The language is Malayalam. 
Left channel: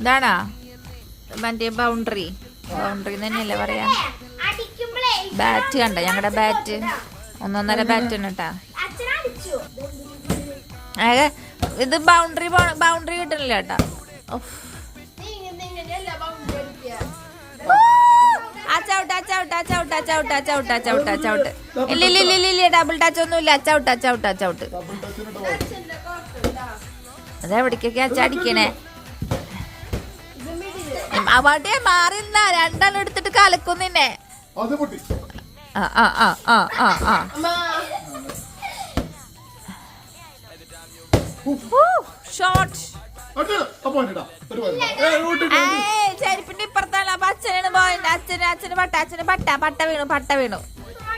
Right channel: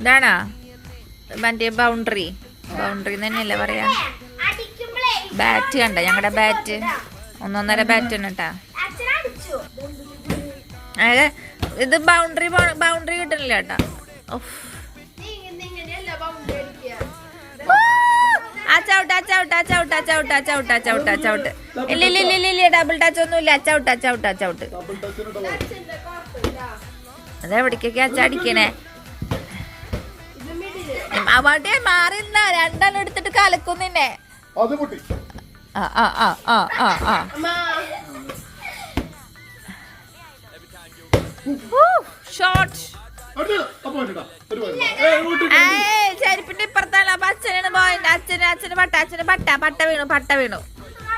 ഇതാണോ മറ്റേ ബൗണ്ടറി തന്നെയല്ലേ പറയാ. ബാറ്റ് കണ്ട, ഞങ്ങളുടെ ബാറ്റ് 1.5 ബാറ്റ് ആണ് കേട്ടാ. ഇത് ബൗണ്ടറി കിട്ടണില്ല കേട്ടാ. ചവിട്ട് ഇല്ല ഡബിൾ ടച്ച് ഒന്നുമില്ല. ചവിട്ട് അതെവിടേക്കൊക്കെ അടിക്കണേ. അവിടെ മാറില്ല, രണ്ടെണ്ണം എടുത്തിട്ട് കലക്കുന്നിന്നെ. ഷോട്ട് ചെരുപ്പിന്റെ ഇപ്പുറത്താണ്. അപ്പൊ അച്ഛനാണ് പോയിന്റ്. അച്ഛന് പട്ട വീണു.